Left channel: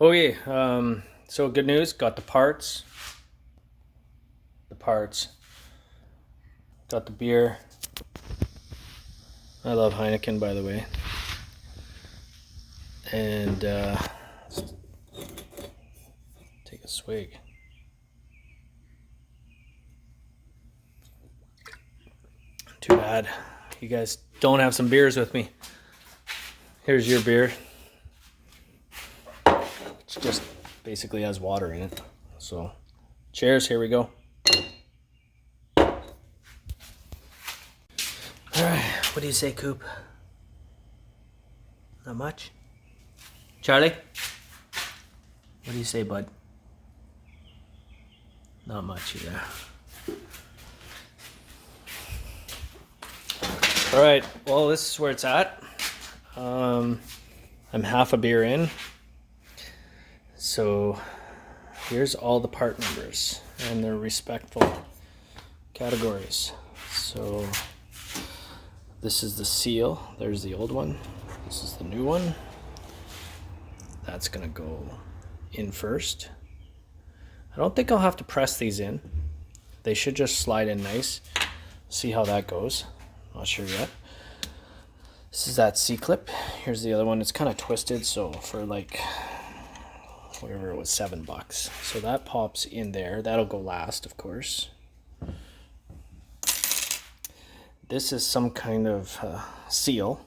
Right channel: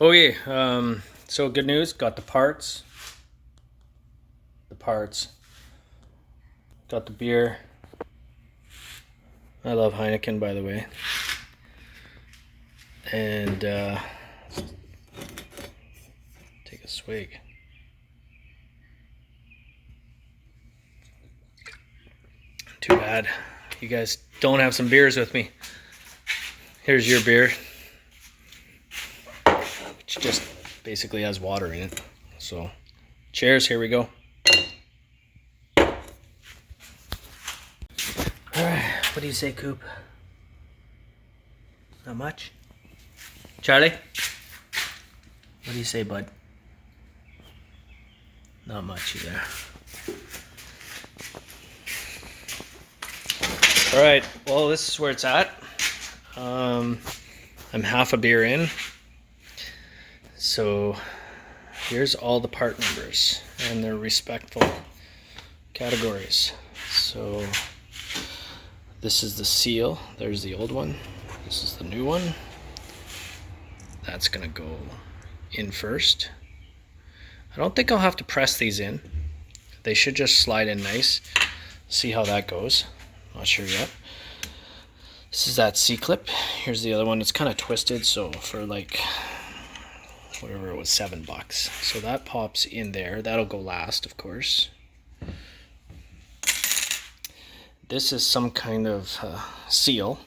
Okay, so good news, got the parts. Got the beer. I love Heineken, by the way. And take a swig. Too bad you guys don't have some beers with me. Here's your beer, which just basically has water in it. So, cheers, here we go. Alright, what do you say, Coop? Not much? Charlie? What do you say, bud? Not much either. Alright, well, this is where it's at. I'm half a beer in. So here's all the part numbers and their respectful categories. So this is the seal. There's the old one. This is the new one. That's gonna go in first. I don't think I'll have to press these in. They should just slide in nice. See how that goes. Not sure yet. This is that C-clip. Here's the other one. It's kind of twisted, so for like whatever it was, $7. So that pops in there. That'll go last, of course. This is some kind of seal.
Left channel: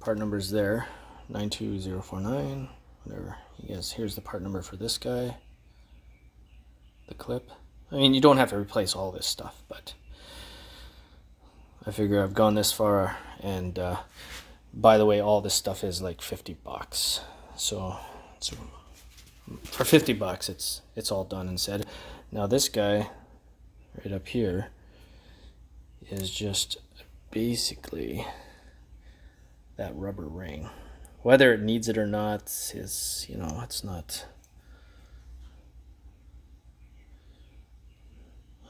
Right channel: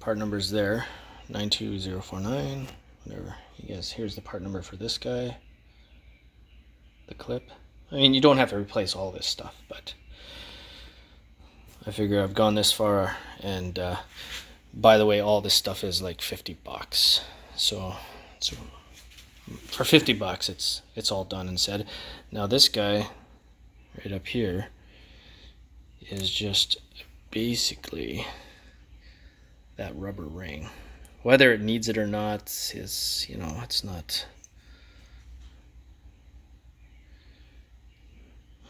Part number's there, 92049. Whatever. Yes, here's the part number for this guy. The clip. I mean, you don't have to replace all this stuff, but I figure I've gone this far, and by the way, all this stuff is like $50. So for $50, it's all done and said. Now this guy right up here is just basically that rubber ring. Whether it needs it or not is, you know, it's not.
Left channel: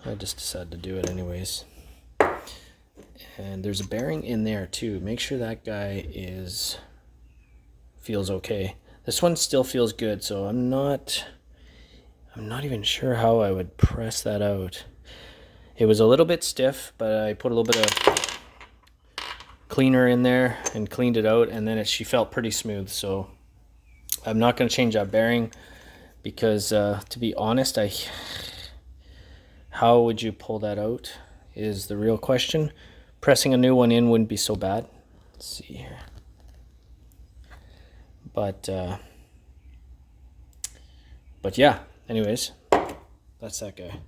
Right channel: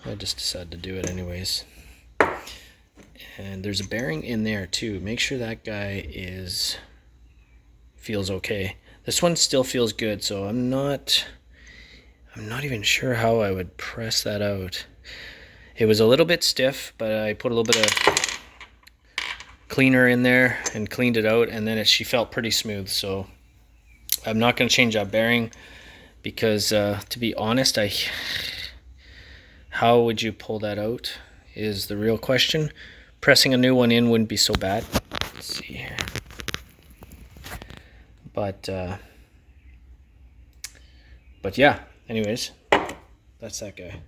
I just decided to do it anyways. And there's a bearing in there too. Make sure that guy feels okay. This one still feels good, so I'm not even sure how I would press that out. It was a little bit stiff, but I put a little bit of cleaner in there and cleaned it out, and then she felt pretty smooth. So I'm not going to change that bearing because to be honest, how would you pull that out is the real question. Pressing a new one in wouldn't be so bad. Let's see here. But yeah, anyways, that's that guy.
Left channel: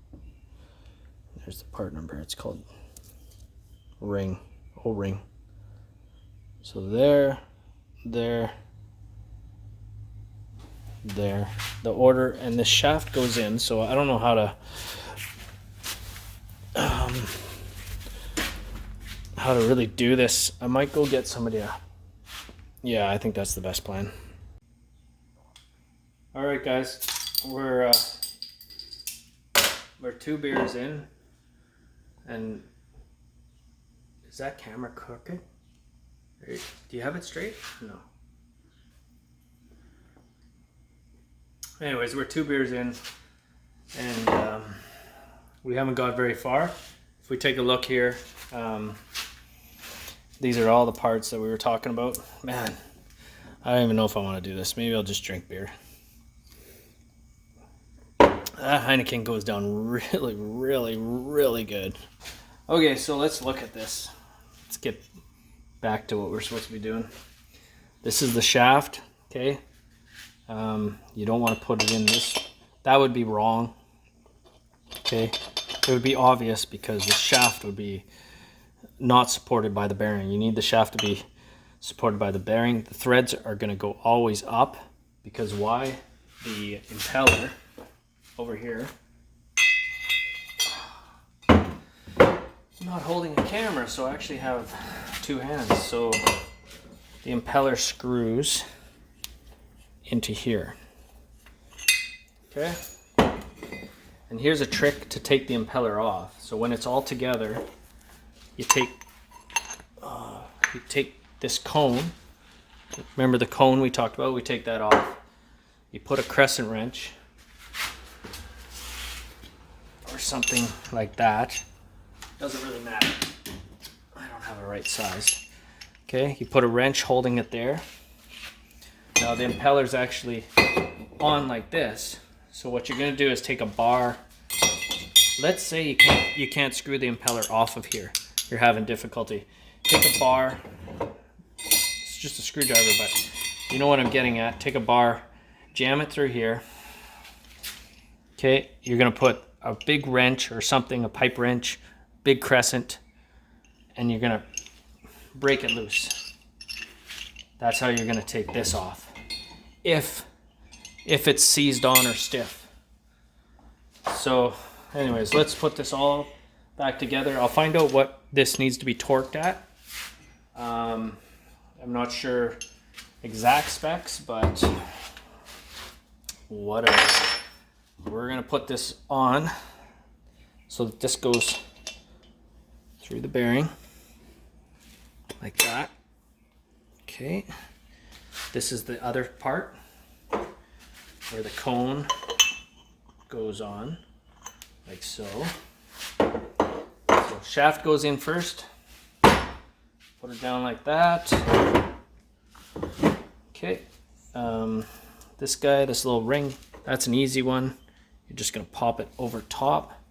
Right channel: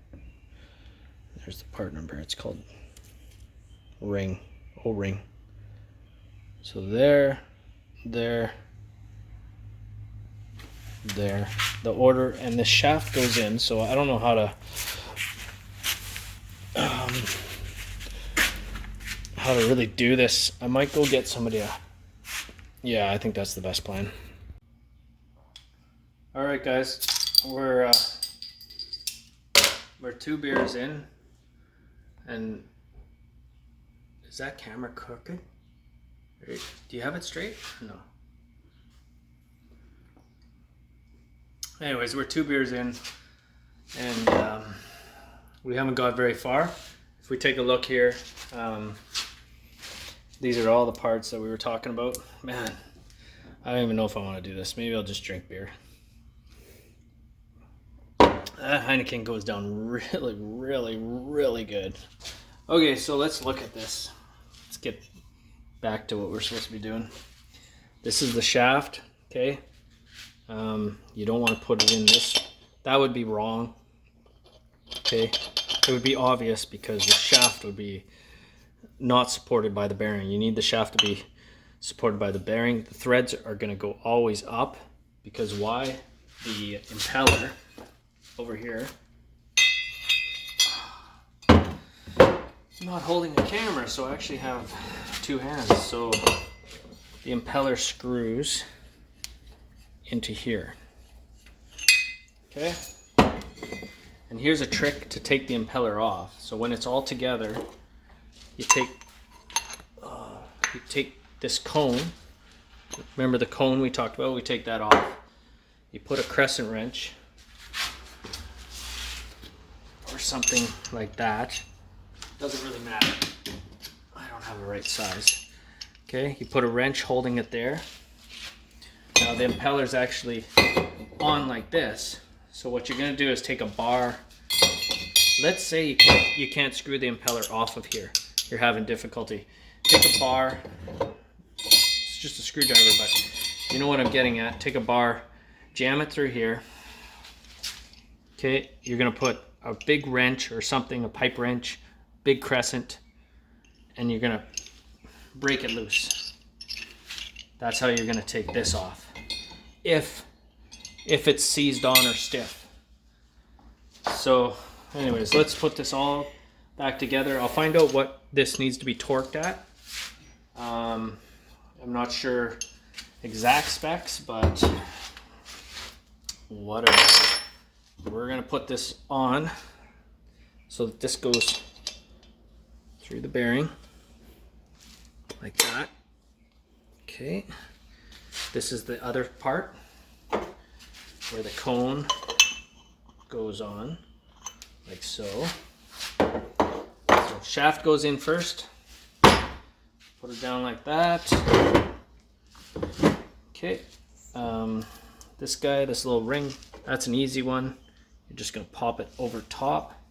There's the part number. It's called ring, O-ring. So there, the order, and the shaft goes in. So I don't know how to really do this. I might go get somebody yeah, I think that's the best plan. All right, guys, we're 2 beers in, and is that camera crooked? Do you have it straight? No. Anyways, we're 2 beers in, and we haven't got very far. If we take a look here, these are all the parts that we were talking about. Man, I don't even know if I want to do this. Maybe I'll just drink beer. That Heineken goes down really, really, really good. Okay, so let's look at this. Let's get back to what we're supposed to be doing. This is the shaft, okay? You don't want to put it in this. That would be wrong, okay? It would be obvious because the shaft would be not supported by the bearing. You need the shaft to be supported by the bearing. The threads are going to go always up because why? The impeller over here. I'm not holding a camera, so I actually have 2 hands. So the impeller screws into here. Okay? And here's a trick to take the impeller off. So when it's all together, you take this cone. Remember the cone we talked about? We take that off. you put a crescent wrench or something like that. Doesn't really matter. I don't have the right size. Okay, you put a wrench holding it there. Now the impeller's actually on like this. So what you're gonna do is take a bar. Let's say you can't screw the impeller off of here. You're having difficulty. Take a bar. It's just a screwdriver, but you know what I'm getting at. Take a bar, jam it through here. Okay, you're gonna put a big wrench or something, a pipe wrench, big crescent, and you're gonna break it loose. That's how you're gonna take this off. If it's seized on or stiff. So anyways, let's put this all back together. I'll find out what this needs to be torqued at. I'm not sure exact specs, but whatever. We're gonna put this on so that this goes through the bearing like that. Okay, this is the other part where the cone goes on like so. So shaft goes in first, put it down like that. Okay, this little ring, that's an easy one. You're just gonna pop it over top.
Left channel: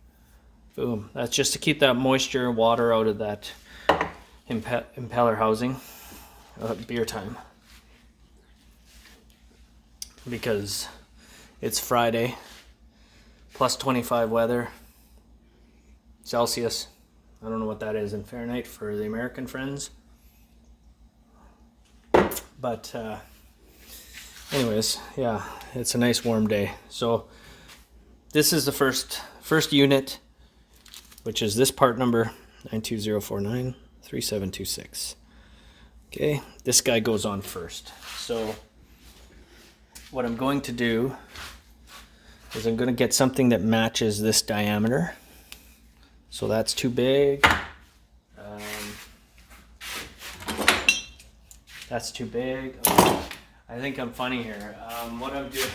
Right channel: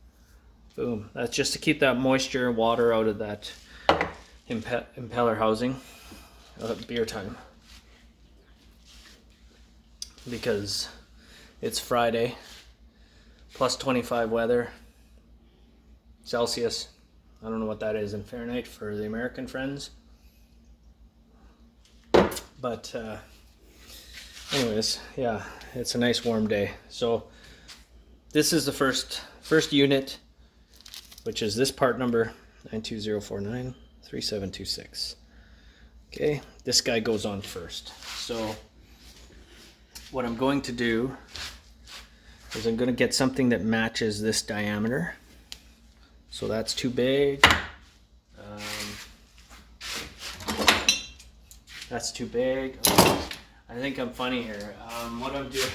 Boom. That's just to keep that moisture and water out of that impeller housing at beer time. Because it's Friday, plus 25 weather, Celsius. I don't know what that is in Fahrenheit for the American friends. But anyways, yeah, it's a nice warm day. So this is the first unit, which is this part number 920493726. Okay, this guy goes on first. So what I'm going to do is I'm going to get something that matches this diameter. So that's too big. That's too big. I think I'm funny here. What I'm doing,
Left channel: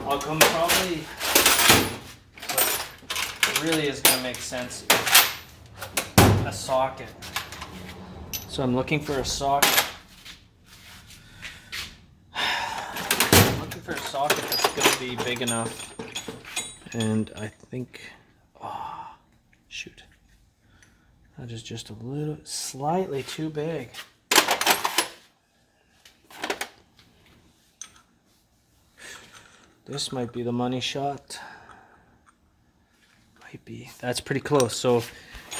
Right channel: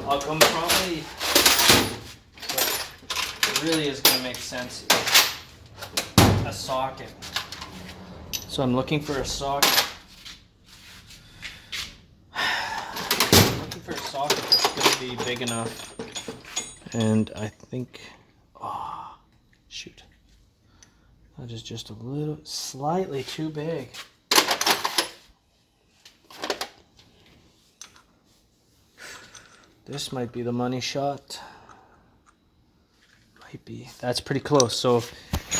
I'll come probably, what really is going to make sense is a socket. So I'm looking for a socket. I'm looking for a socket that's going to be big enough. And I think, oh, shoot. That is just a little, slightly too big. This might be the money shot. Might be. That's pretty close. So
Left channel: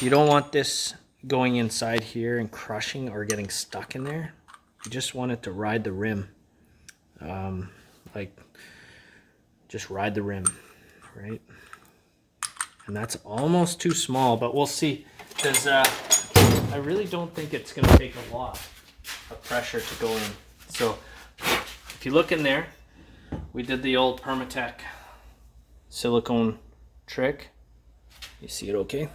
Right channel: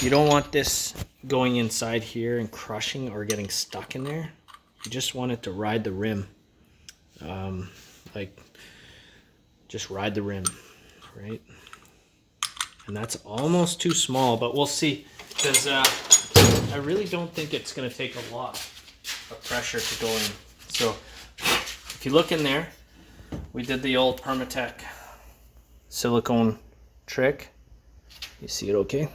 you don't want this going inside here and crushing or getting stuck in there. You just want it to ride the rim. Like, just ride the rim, right? And that's almost too small, but we'll see. Because I really don't think it's going to take a lot of pressure to go in. So if you look in there, we did the old Permatech silicone trick. You see it okay?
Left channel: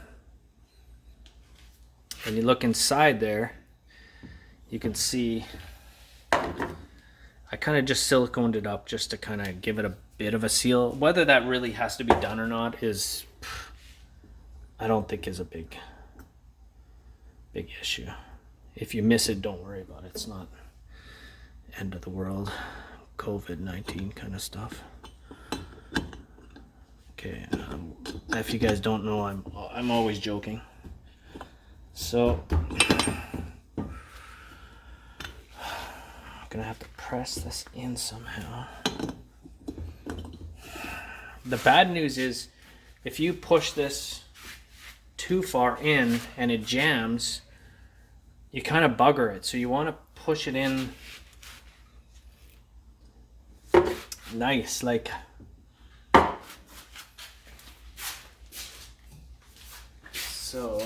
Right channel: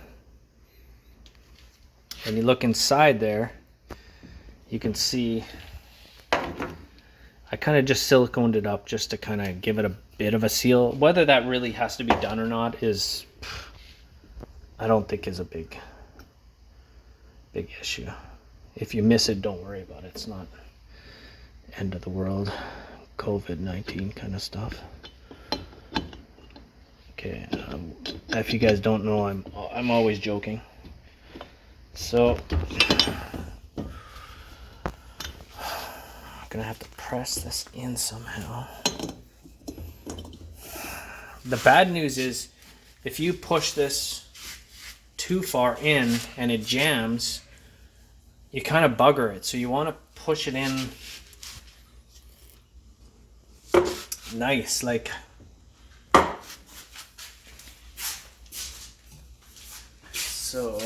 And you look inside there, you can see I kind of just siliconed it up just to kind of give it a bit of a seal. Whether that really has to be done or not is, I don't think is a big issue. If you miss it, don't worry about it. It's not end of the world, COVID-19 kind of stuff. Okay, if you guys don't know, I'm always joking. So I'm gonna have to press this in somehow. The bad news is if you push this too far in and it jams, you kind of bugger it. So you want to push it in nice, like so.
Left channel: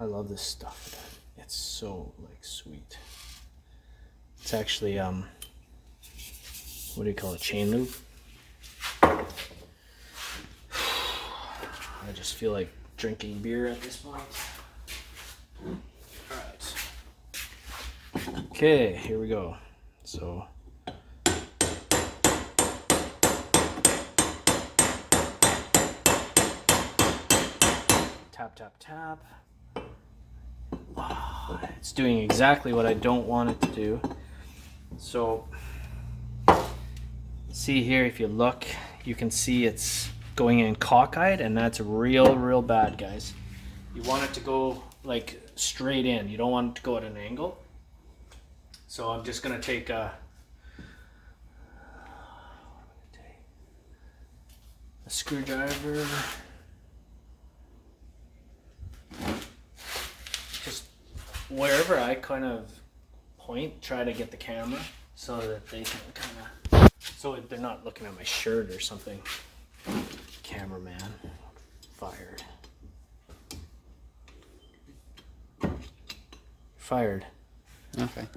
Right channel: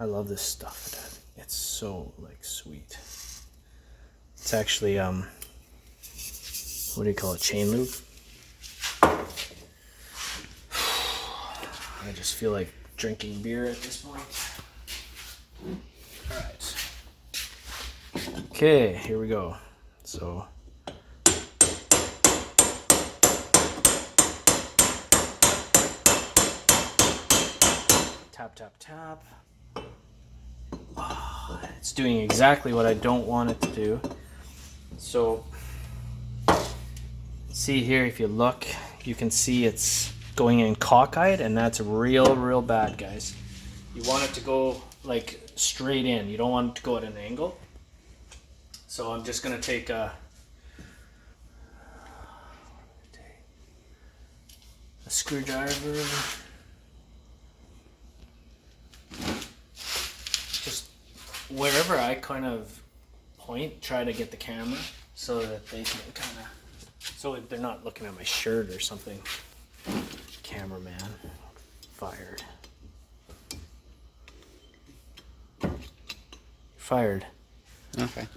I love this stuff. It's so like sweet. It's actually what do you call it? Chain lube. I just feel like drinking beer at this point. All right. Okay, here we go. So tap, tap, tap. Oh, it's doing exactly what I don't want it to do. So see here, if you look, you can see it's going in cockeyed, and that's real bad, guys. You want it to go like straight in. You don't want it to go at an angle. So I'm just gonna take a screwdriver, just wherever I kind of point, try to get the camera so that they can kind of, so they're not looking at my shirt or something. Cameraman fired. Fired. Okay.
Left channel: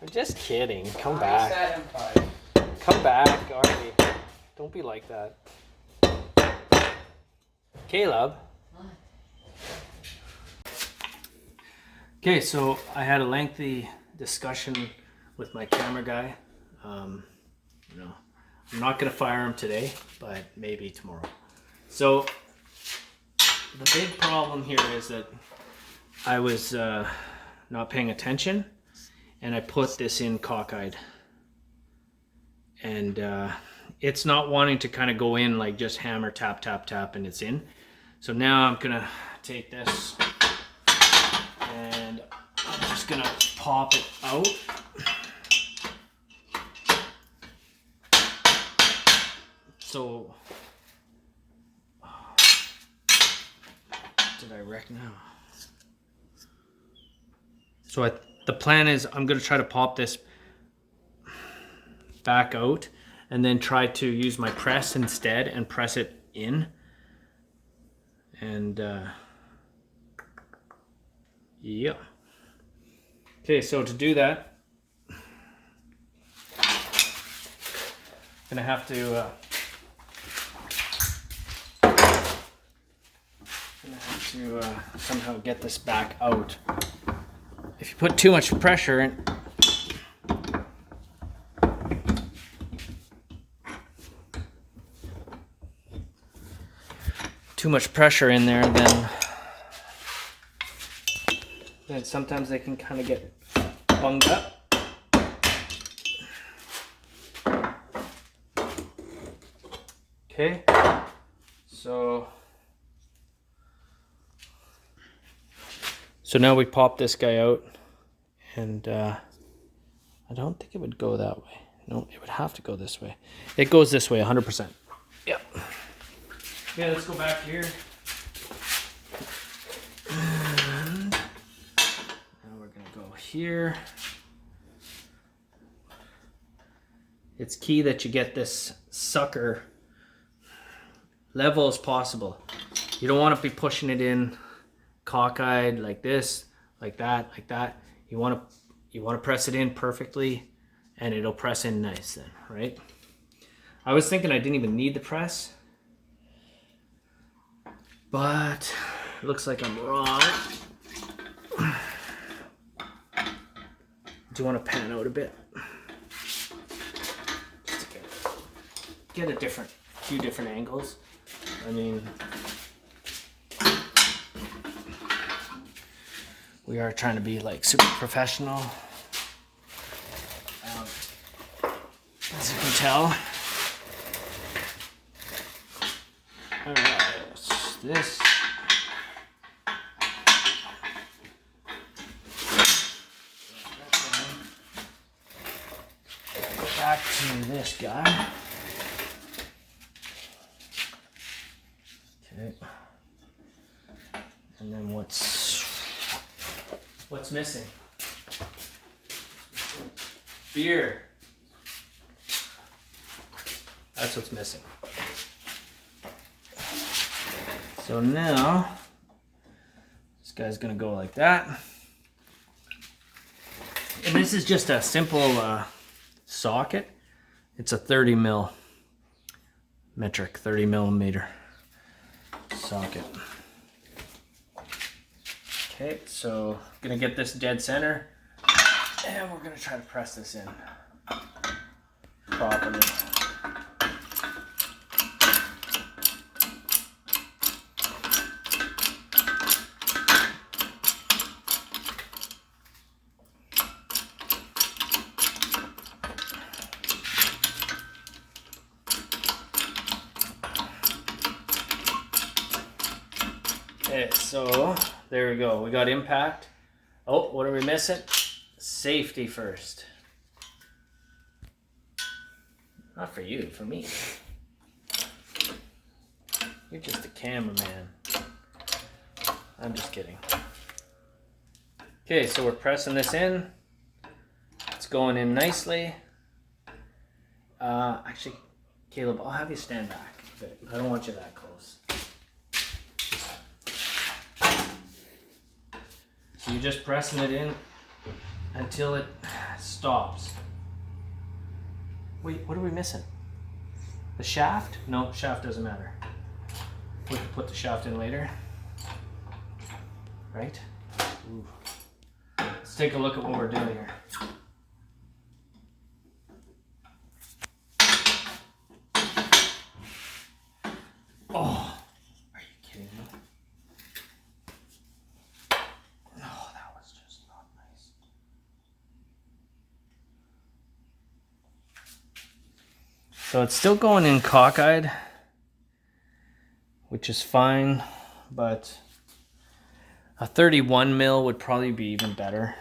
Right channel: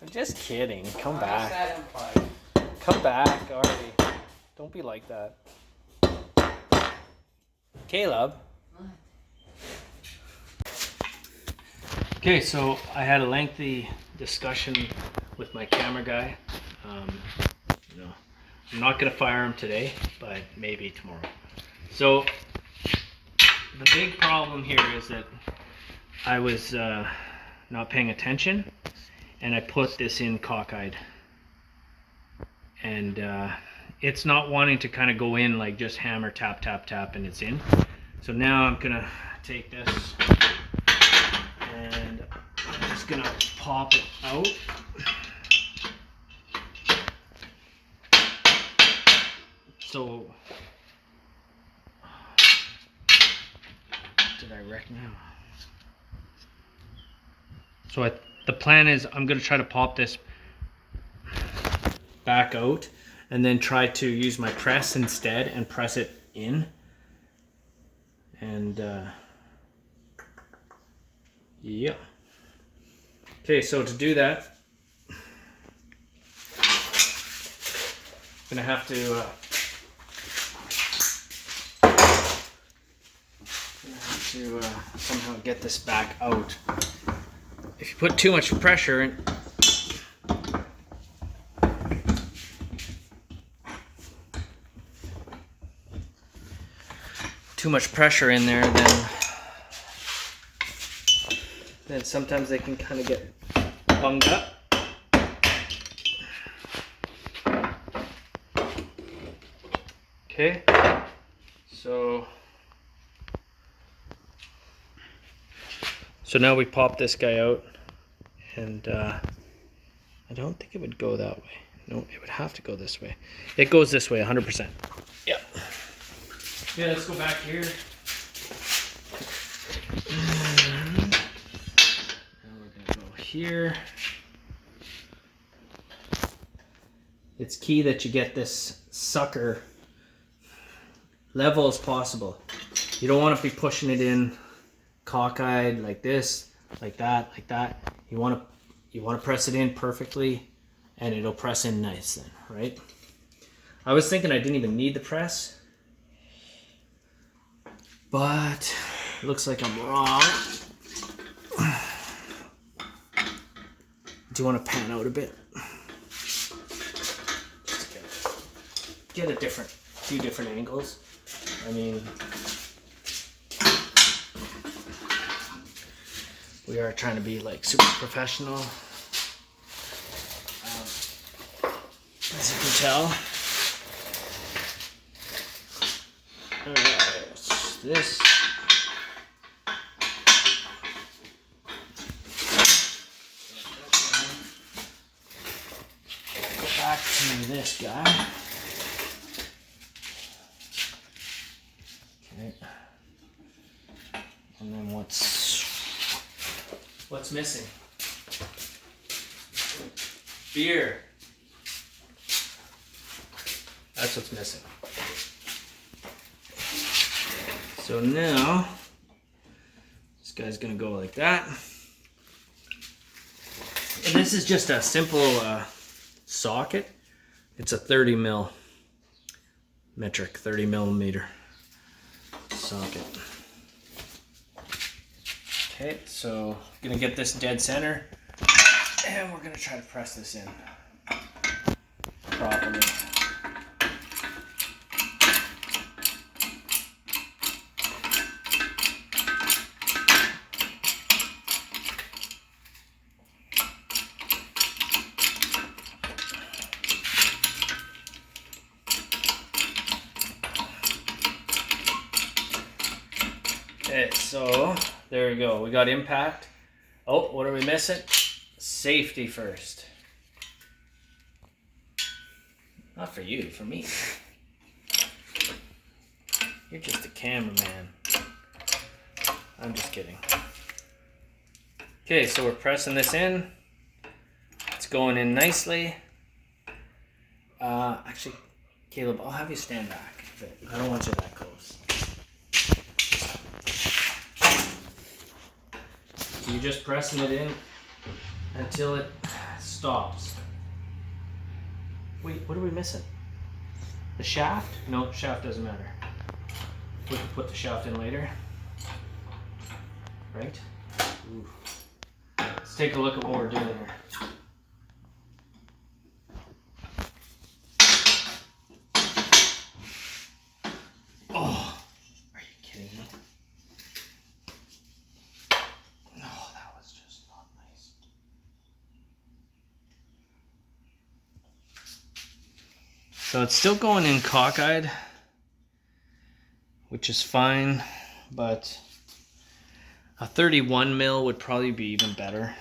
I'm just kidding. Come back. Come back, Artie. Don't be like that. Caleb. Okay, so I had a lengthy discussion with my camera guy. You know, I'm not gonna fire him today, but maybe tomorrow. So the big problem here is that I was not paying attention, and I put this in cockeyed, and it's not wanting to kind of go in like just hammer, tap, tap, tap, and it's in. So now I'm gonna take this and I'm just gonna pop it out. So did I wreck now? So the plan is I'm gonna try to pop this back out and then try to use my press instead and press it in. And yeah. Okay, so to do that, I'm gonna have to somehow get this back out. If you put too much pressure in, there, then sometimes they can kind of get bunged up. Okay, so now we pop this guy out, and I don't think it would go that way. No, it would have to go this way. It goes this way 100%. Yep. Okay, let's go back here. And now we're gonna go here. It's key that you get this sucker level as possible. You don't want to be pushing it in cockeyed like this, like that, like that. You want to press it in perfectly, and it'll press in nice then, right? I was thinking I didn't even need the press, but it looks like I'm wrong. Do you want to pan out a bit? Just get a few different angles. I mean, we are trying to be like super professional, as you can tell. This. Back to this guy. Okay. And then what's missing? Beer. That's what's missing. So now, this guy's gonna go like that. And this is just a simple socket. It's a 30 millimeter socket. Okay, so gonna get this dead center. And we're gonna try to press this in properly. Okay, so there we go. We got impact. Oh, what are we missing? Safety first. Not for you, for me. You're just a cameraman. I'm just kidding. Okay, so we're pressing this in. It's going in nicely. Actually, Caleb, I'll have you stand back. Okay, I don't want you that close. So you're just pressing it in until it stops. Wait, what are we missing? The shaft? No, shaft doesn't matter. We can put the shaft in later. Right? Ooh. Let's take a look at what we're doing here. Oh, are you kidding me? No, that was just not nice. So it's still going in cockeyed, which is fine, but a 31 mil would probably be even better.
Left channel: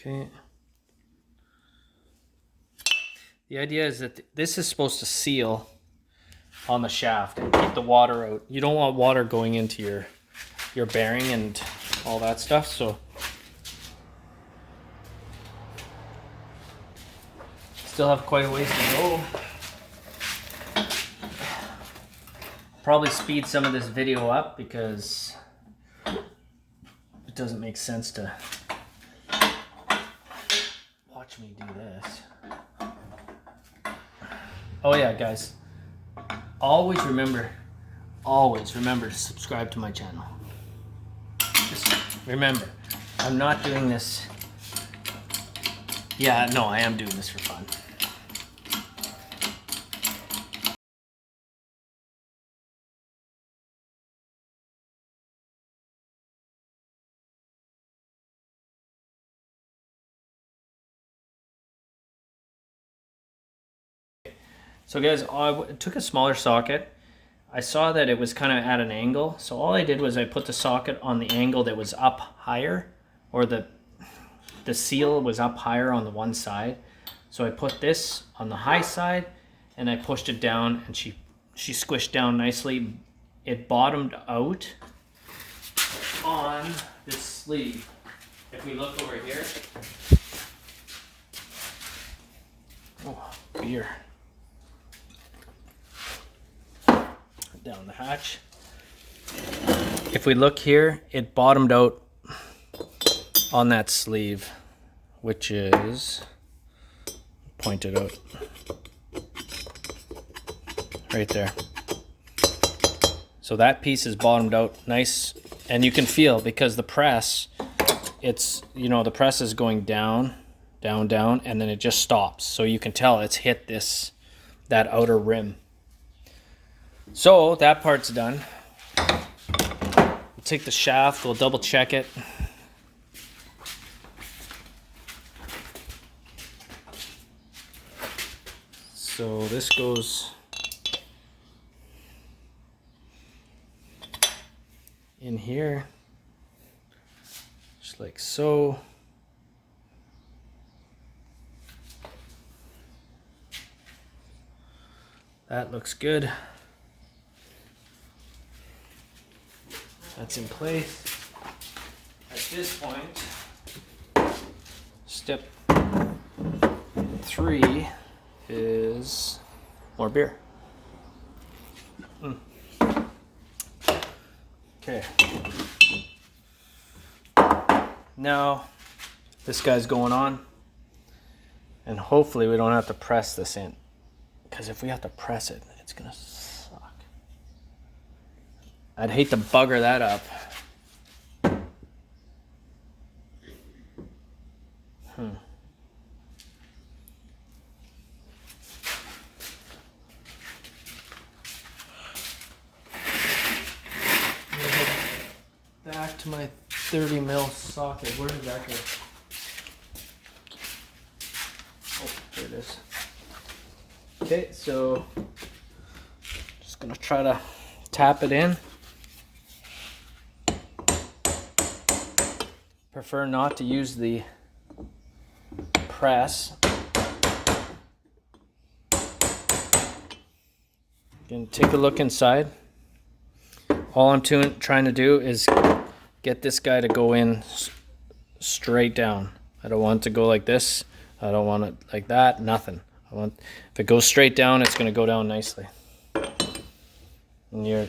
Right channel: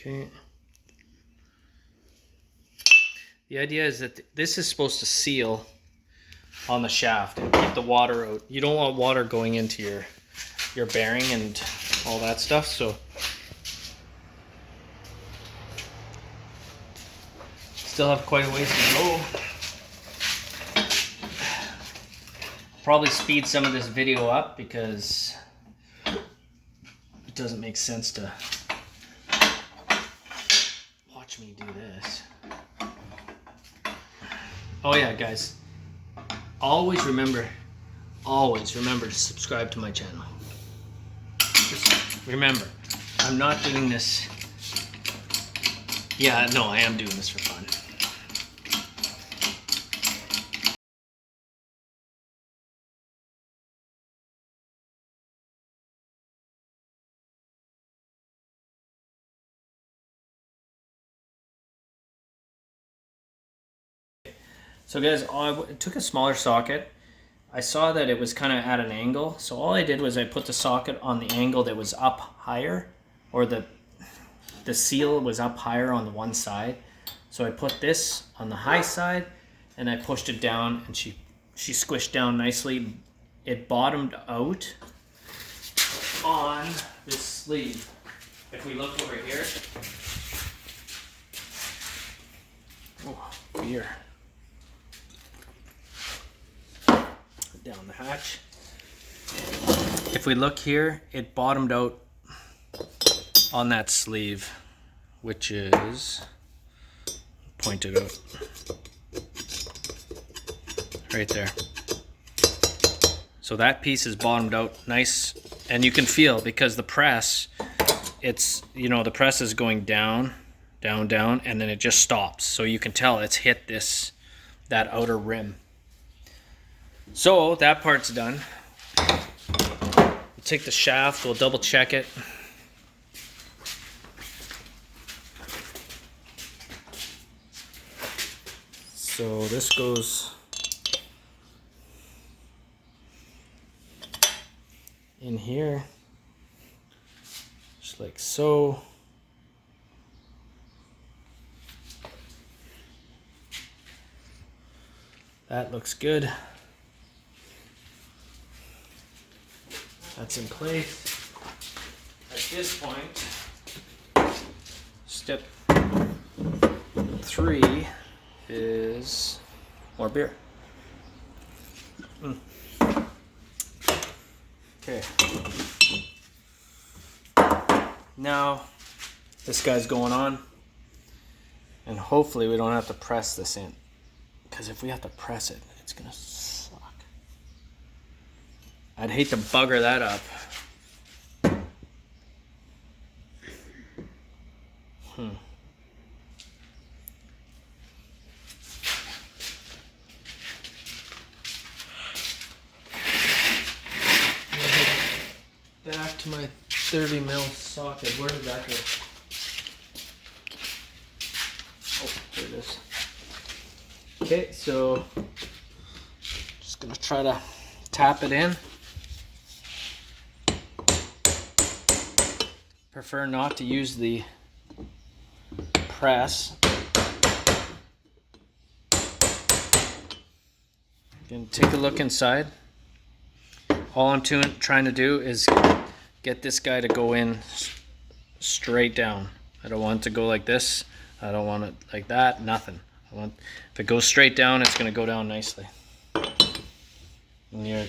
Okay. The idea is that this is supposed to seal on the shaft and keep the water out. You don't want water going into your bearing and all that stuff, so still have quite a ways to go. Probably speed some of this video up because it doesn't make sense to watch me do this. Oh yeah, guys, always remember to subscribe to my channel. Just remember, I'm not doing this. Yeah, no, I am doing this for fun. So guys, I took a smaller socket. I saw that it was kind of at an angle, so all I did was I put the socket on the angle that was up higher, or the seal was up higher on the one side. So I put this on the high side and I pushed it down, and she squished down nicely. It bottomed out on this sleeve. If we look over here, oh, beer. Down the hatch. If we look here, it bottomed out on that sleeve, which is pointed out right there. So that piece is bottomed out nice, and you can feel, because the press, it's, you know, the press is going down, down, down, and then it just stops. So you can tell it's hit that outer rim. So that part's done. We'll take the shaft, we'll double check it. So this goes in here, just like so. That looks good. That's in place. At this point, step 3 is more beer. Okay. Now, this guy's going on. And hopefully we don't have to press this in. Because if we have to press it, it's gonna suck. I'd hate to bugger that up. Back to my 30 mil socket. Where did that go? Oh, there it is. Okay, so just gonna try to tap it in. Prefer not to use the press. Gonna take a look inside. All I'm trying to do is get this guy to go in straight down. I don't want it to go like this. I don't want it like that. Nothing. If it goes straight down, it's going to go down nicely. And you're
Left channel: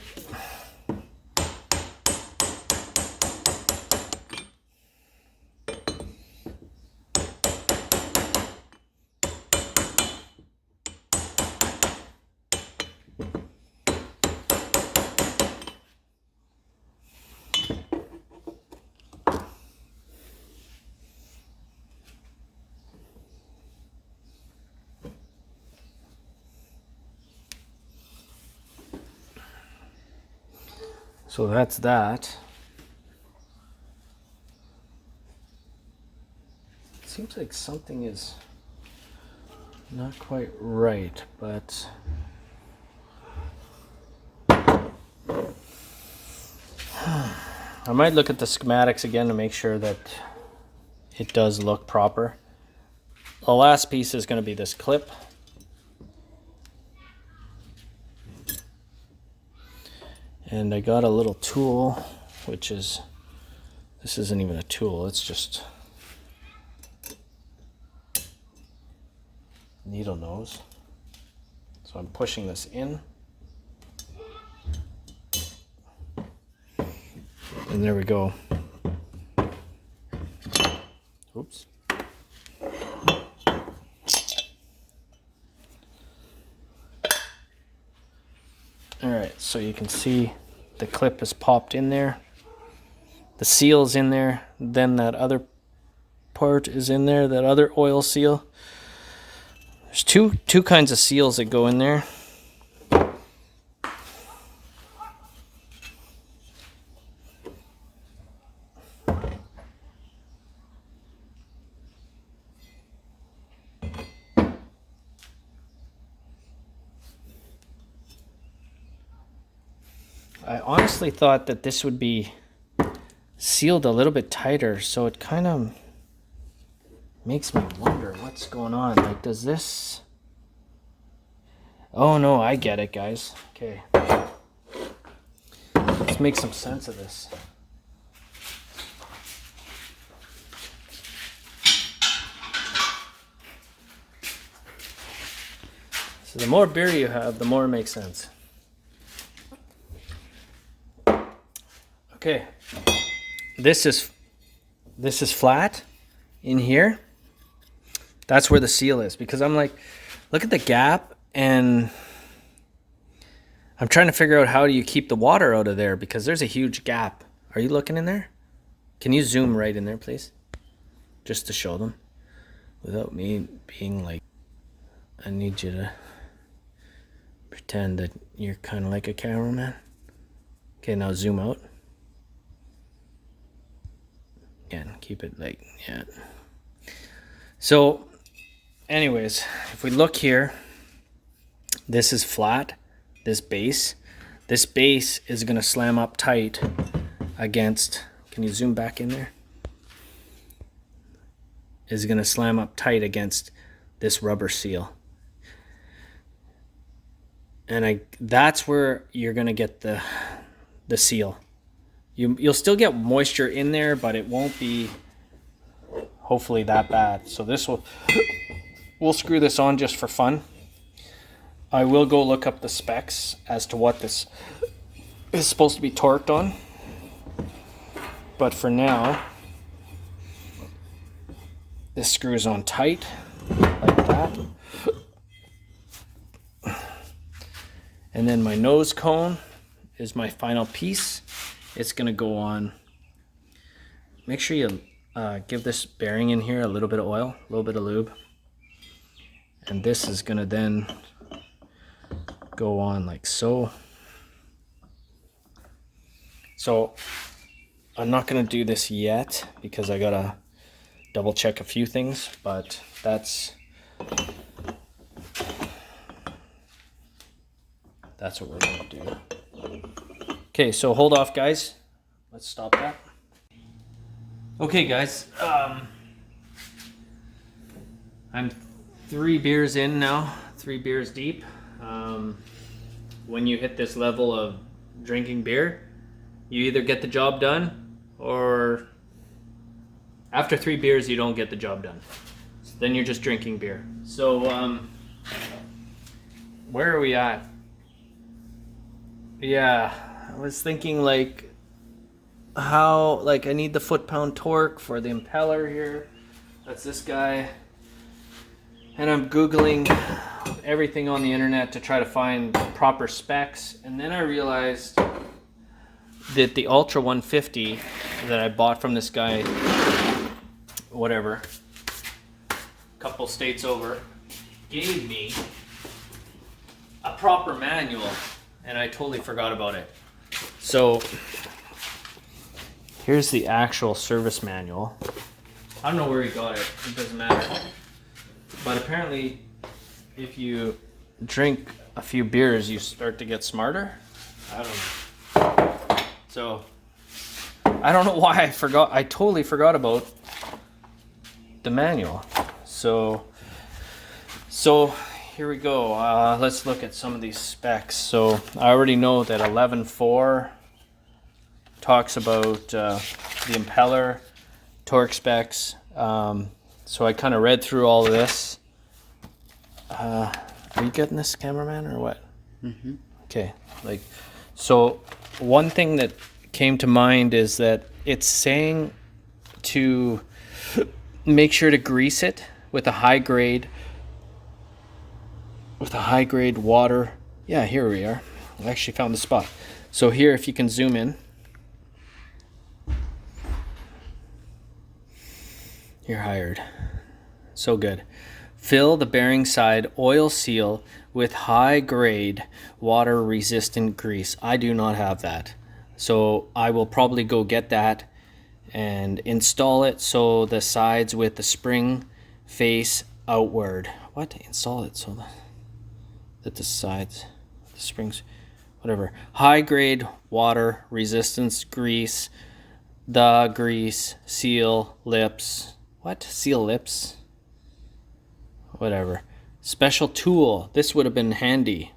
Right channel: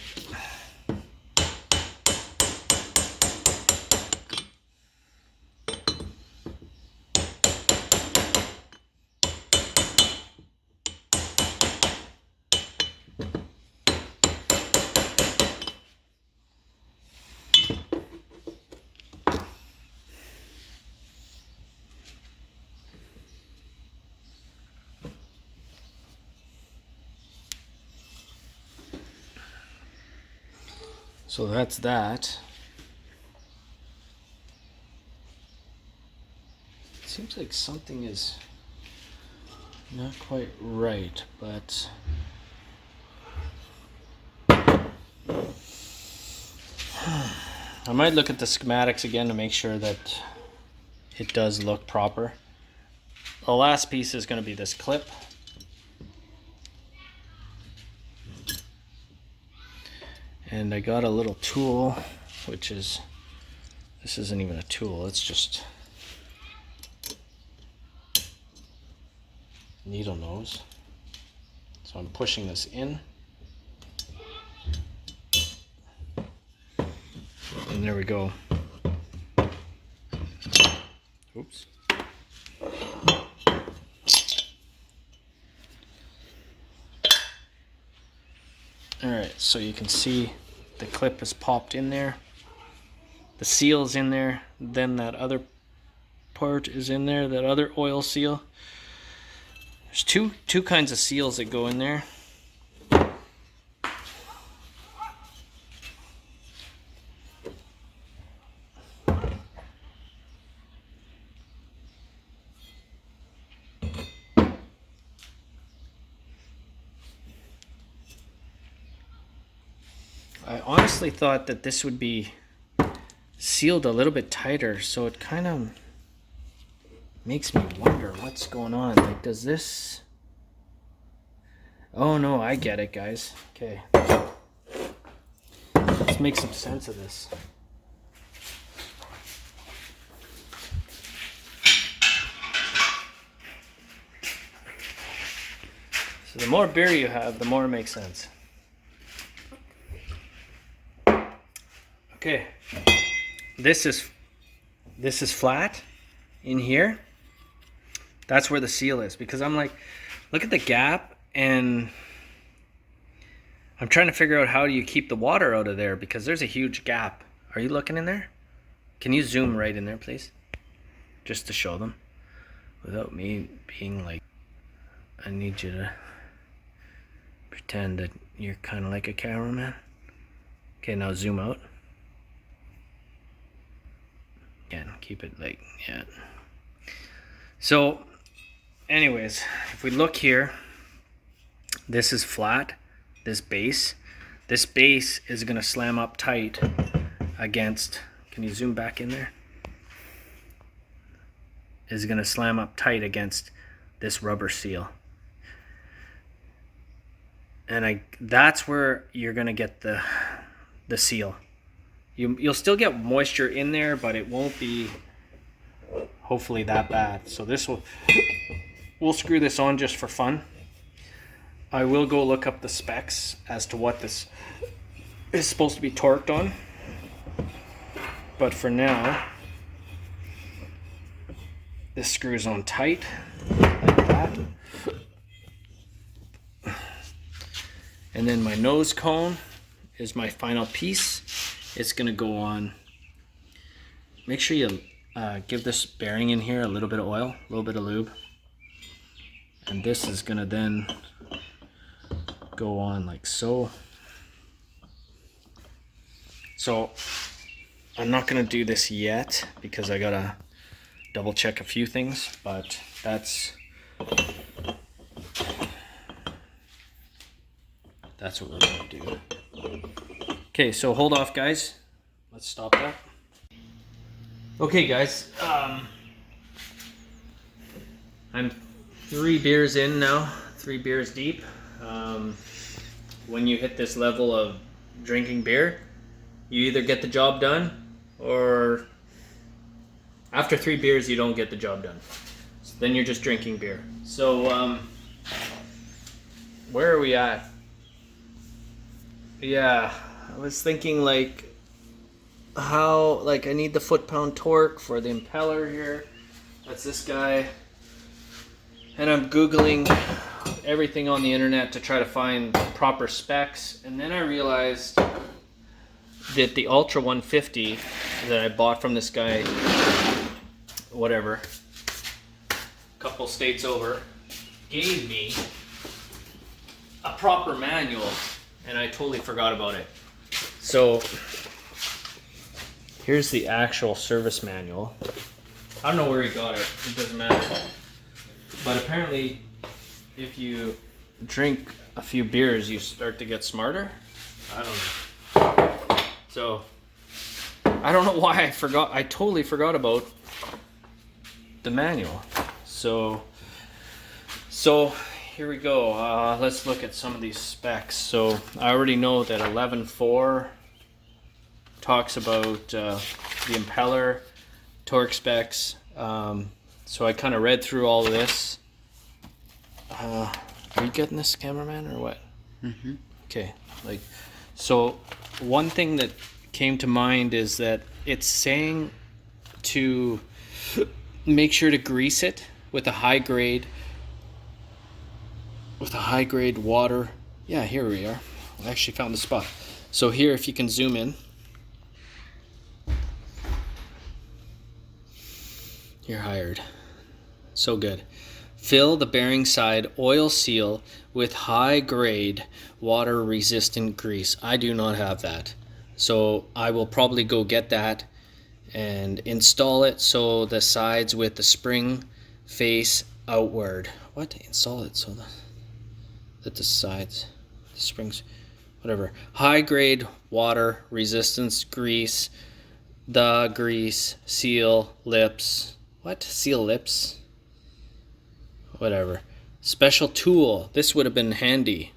so that's that. It seems like something is not quite right, but I might look at the schematics again to make sure that it does look proper. The last piece is going to be this clip. And I got a little tool, which is, this isn't even a tool, it's just needle nose. So I'm pushing this in. And there we go. Oops. Alright, so you can see the clip is popped in there. The seal's in there. Then that other part is in there, that other oil seal. There's two kinds of seals that go in there. I honestly thought that this would be sealed a little bit tighter, so it kind of makes me wonder what's going on. Like, does this... Oh no, I get it, guys. Okay. Let's make some sense of this. So the more beer you have, the more it makes sense. Okay, this is flat in here. That's where the seal is, because I'm like, look at the gap, and I'm trying to figure out how do you keep the water out of there, because there's a huge gap. Are you looking in there? Can you zoom right in there, please? Just to show them, without me being like, I need you to pretend that you're kind of like a cameraman. Okay, now zoom out. Again, keep it like, yeah. So, anyways, if we look here, this is flat, this base is gonna slam up tight against, can you zoom back in there? Is gonna slam up tight against this rubber seal. And that's where you're gonna get the seal. You'll still get moisture in there, but it won't be hopefully that bad. So we'll screw this on just for fun. I will go look up the specs as to what this is supposed to be torqued on. But for now, This screws on tight like that. And then my nose cone is my final piece. It's gonna go on. Make sure you give this bearing in here a little bit of oil, a little bit of lube. And this is gonna then go on like so. So I'm not gonna do this yet because I gotta double check a few things, but that's what we're gonna do. Okay, so hold off, guys. Let's stop that. Okay, guys. I'm 3 beers in now, 3 beers deep. When you hit this level of drinking beer, you either get the job done, or after 3 beers, you don't get the job done. So then you're just drinking beer. So, where are we at? Yeah, I was thinking like how, like I need the foot-pound torque for the impeller here. That's this guy. And I'm Googling everything on the internet to try to find proper specs. And then I realized that the Ultra 150 that I bought from this guy, whatever, a couple states over, gave me a proper manual, and I totally forgot about it. So here's the actual service manual. I don't know where he got it, it doesn't matter. But apparently if you drink a few beers, you start to get smarter. I don't know. So I don't know why I forgot. I totally forgot about the manual. So here we go. Let's look at some of these specs. So I already know that 11.4 talks about the impeller torque specs. So I kind of read through all of this. Are you getting this, cameraman, or what? Mm-hmm. Okay. Like, so one thing that came to mind is that it's saying to make sure to grease it with a high grade water. Yeah, here we are. I actually found the spot. So here, if you can zoom in. You're hired. So good. Fill the bearing side oil seal with high grade water resistant grease. I do not have that. So I will probably go get that and install it so the sides with the spring face outward. What? Install it so that the sides, the springs, whatever. High grade water resistance grease. The grease seal lips. What? Seal lips? Whatever. Special tool. This would have been handy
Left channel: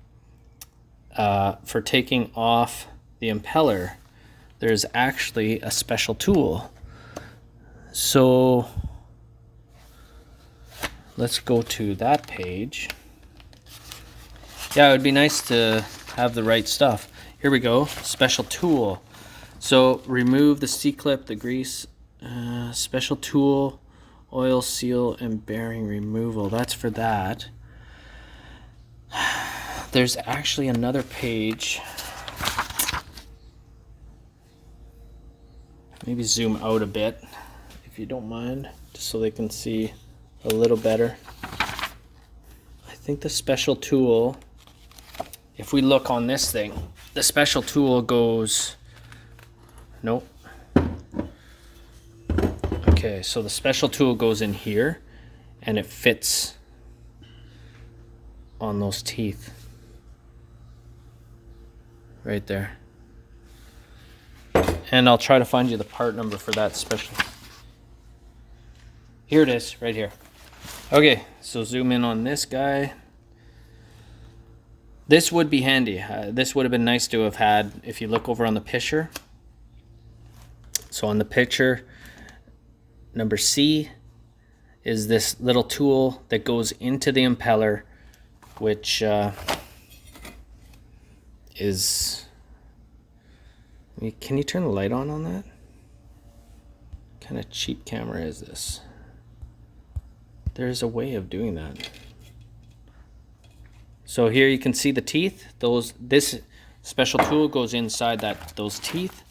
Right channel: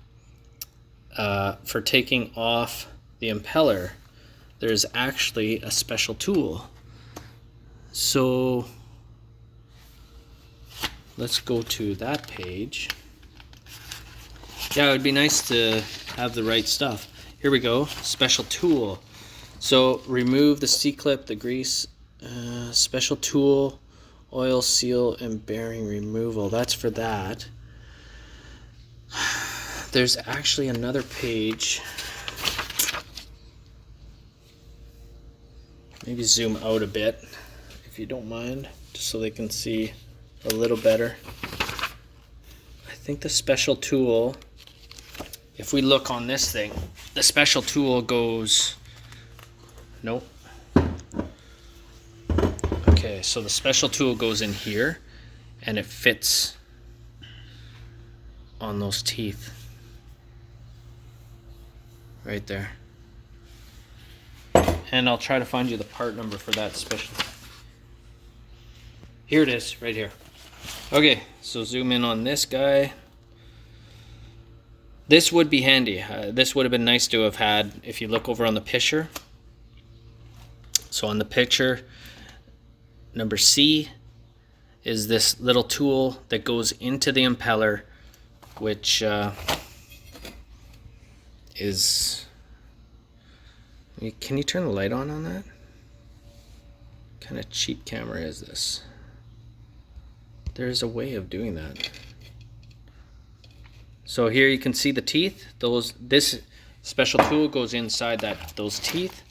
for taking off the impeller. There's actually a special tool. So let's go to that page. Yeah, it would be nice to have the right stuff. Here we go. Special tool. So remove the C-clip, the grease, special tool, oil seal, and bearing removal. That's for that. There's actually another page. Maybe zoom out a bit, if you don't mind, just so they can see a little better. I think the special tool, if we look on this thing, the special tool goes, nope. Okay, so the special tool goes in here and it fits on those teeth right there. And I'll try to find you the part number for that special. Here it is, right here. Okay, so zoom in on this guy. This would be handy. This would have been nice to have had if you look over on the picture. So on the picture, number C is this little tool that goes into the impeller, which is... Can you turn the light on that? What kind of cheap camera is this? There's a way of doing that. So here you can see the teeth. This special tool goes inside those teeth,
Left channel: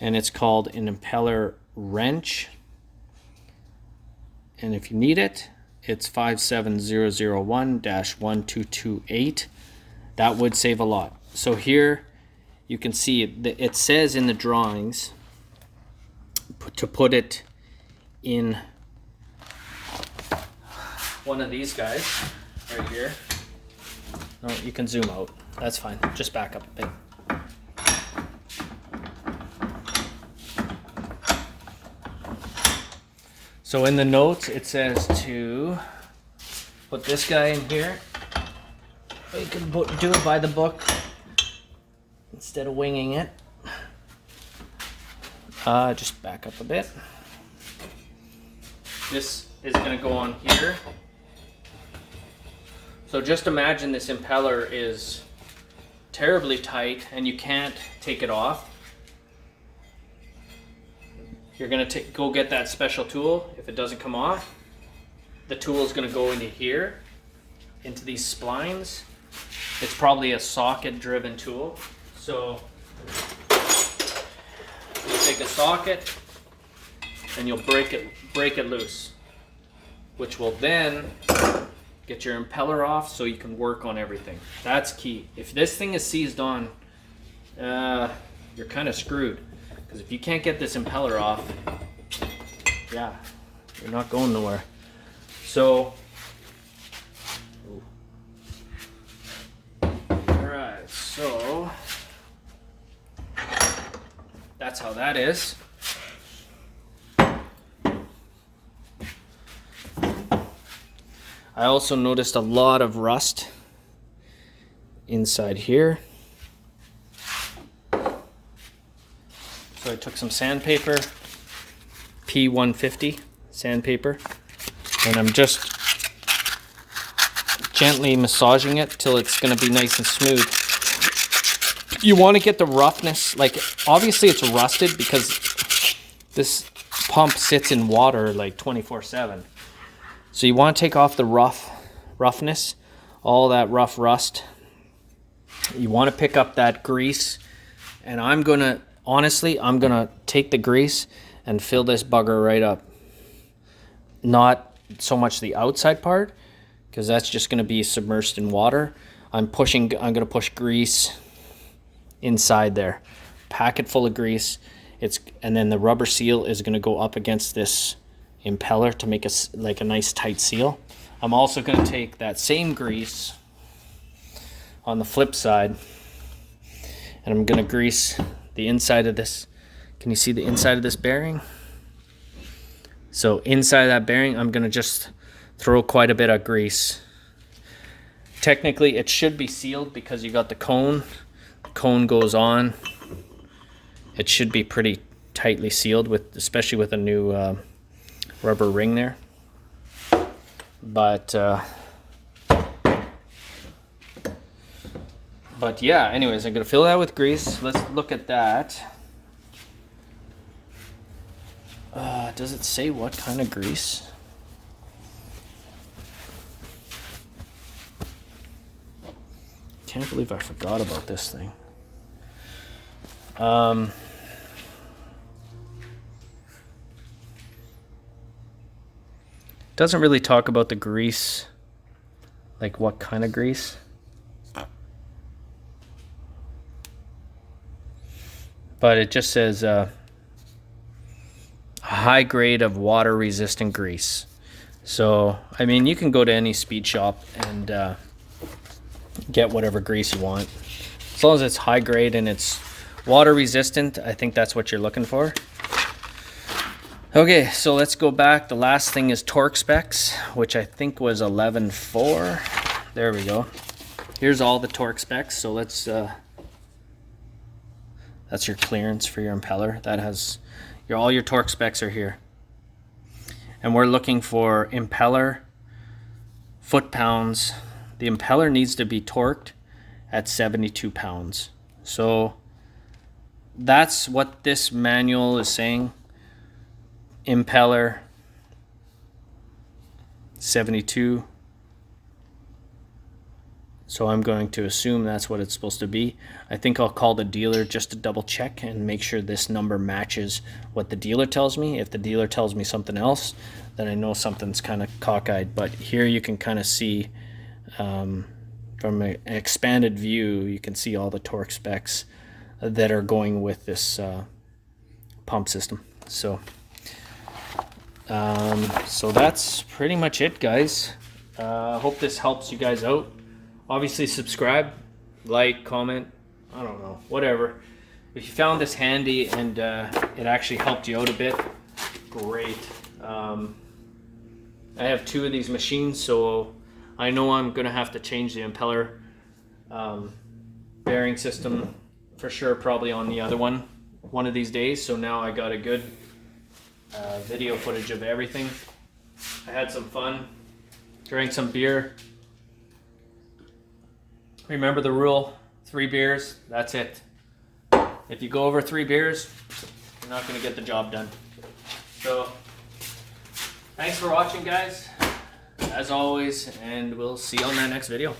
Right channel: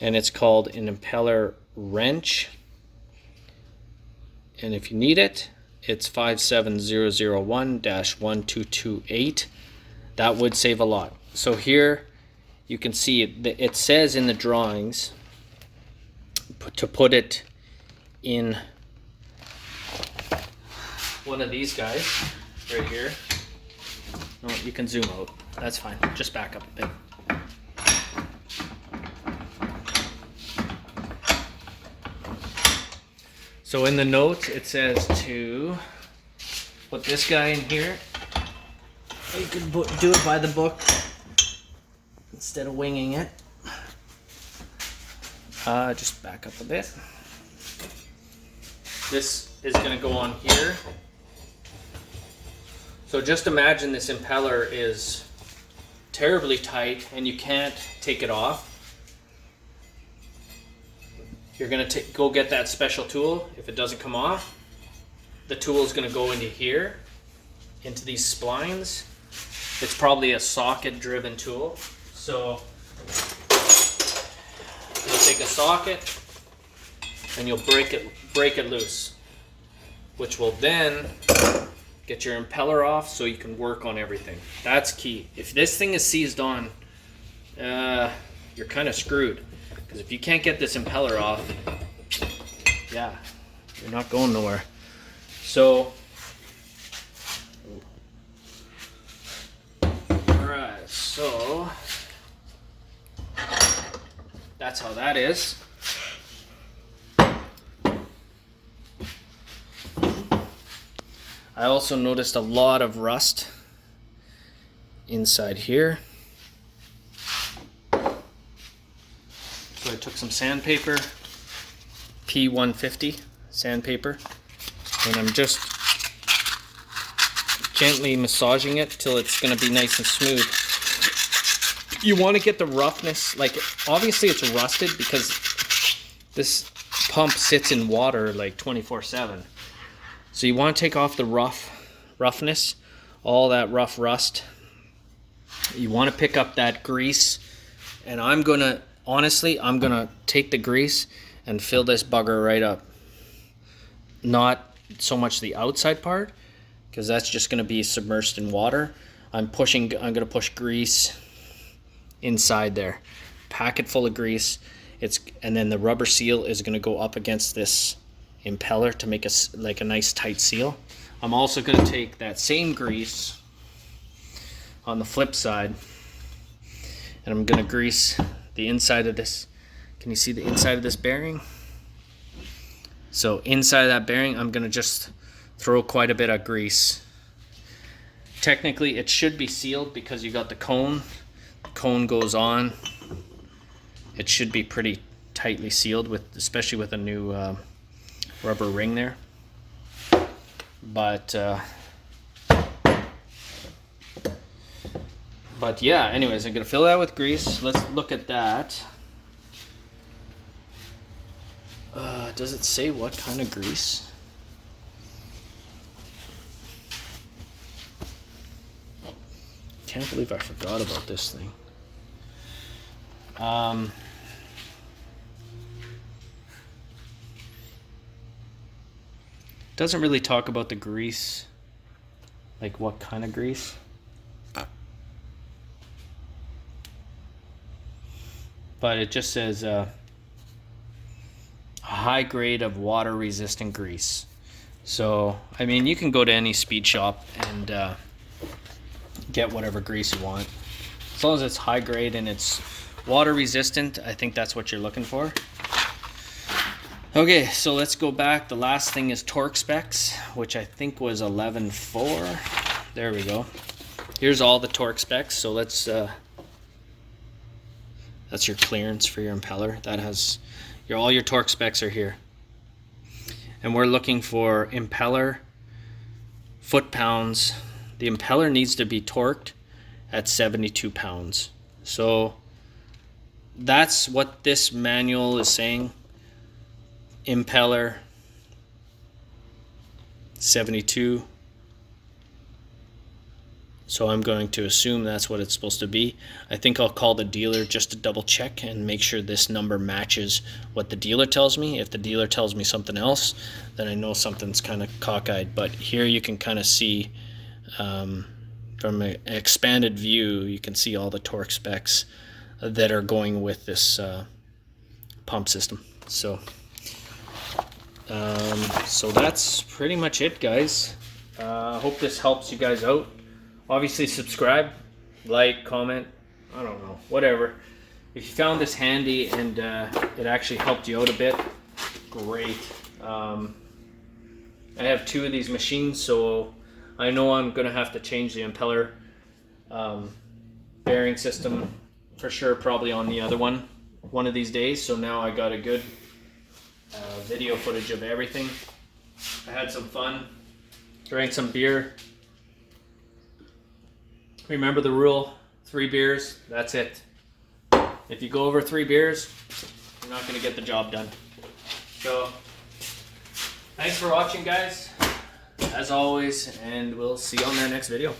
and it's called an impeller wrench. And if you need it, it's 57001-1228. That would save a lot. So here you can see it says in the drawings to put it in one of these guys right here. All right, you can zoom out. That's fine. Just back up a bit. So in the notes it says to put this guy in here. You can do it by the book instead of winging it. Just back up a bit. This is going to go on here. So just imagine this impeller is terribly tight and you can't take it off. You're going to go get that special tool. If it doesn't come off, the tool is going to go into here, into these splines. It's probably a socket driven tool. So you'll take a socket and you'll break it loose, which will then get your impeller off so you can work on everything. That's key. If this thing is seized on, you're kind of screwed. Because if you can't get this impeller off, yeah, you're not going nowhere. So, alright, so that's how that is. I also noticed a lot of rust inside here. So I took some sandpaper, P150 sandpaper, and I'm just gently massaging it till it's going to be nice and smooth. You want to get the roughness, like obviously it's rusted because this pump sits in water like 24/7. So you want to take off the roughness, all that rough rust. You want to pick up that grease, and I'm going to take the grease and fill this bugger right up. Not so much the outside part, because that's just going to be submerged in water. I'm going to push grease inside there. Pack it full of grease. And then the rubber seal is going to go up against this impeller to make a nice tight seal. I'm also going to take that same grease on the flip side, and I'm going to grease the inside of this. Can you see the inside of this bearing? So inside of that bearing, I'm going to just throw quite a bit of grease. Technically, it should be sealed because you got the cone. The cone goes on. It should be pretty tightly sealed, especially with a new rubber ring there. But yeah, anyways, I'm going to fill that with grease. Let's look at that. Does it say what kind of grease? Can't believe I forgot about this thing. Doesn't really talk about the grease, like what kind of grease. But it just says a high grade of water resistant grease. So, I mean, you can go to any speed shop and get whatever grease you want. As long as it's high grade and it's water resistant, I think that's what you're looking for. Okay, so let's go back. The last thing is torque specs, which I think was 11.4. There we go. Here's all the torque specs. So let's, that's your clearance for your impeller. That has, all your torque specs are here. And we're looking for impeller foot-pounds. The impeller needs to be torqued at 72 pounds. So that's what this manual is saying. Impeller 72. So I'm going to assume that's what it's supposed to be. I think I'll call the dealer just to double check and make sure this number matches what the dealer tells me. If the dealer tells me something else, then I know something's kind of cockeyed. But here you can kind of see from an expanded view, you can see all the torque specs that are going with this pump system. So that's pretty much it, guys. Hope this helps you guys out. Obviously subscribe, like, comment, I don't know, whatever. If you found this handy and it actually helped you out a bit, great. I have 2 of these machines, so I know I'm gonna have to change the impeller bearing system for sure, probably on the other one of these days. So now I got a good video footage of everything. I had some fun, drank some beer. Remember the rule, 3 beers, that's it. If you go over 3 beers, you're not gonna get the job done. So, thanks for watching, guys, as always, and we'll see you on our next video.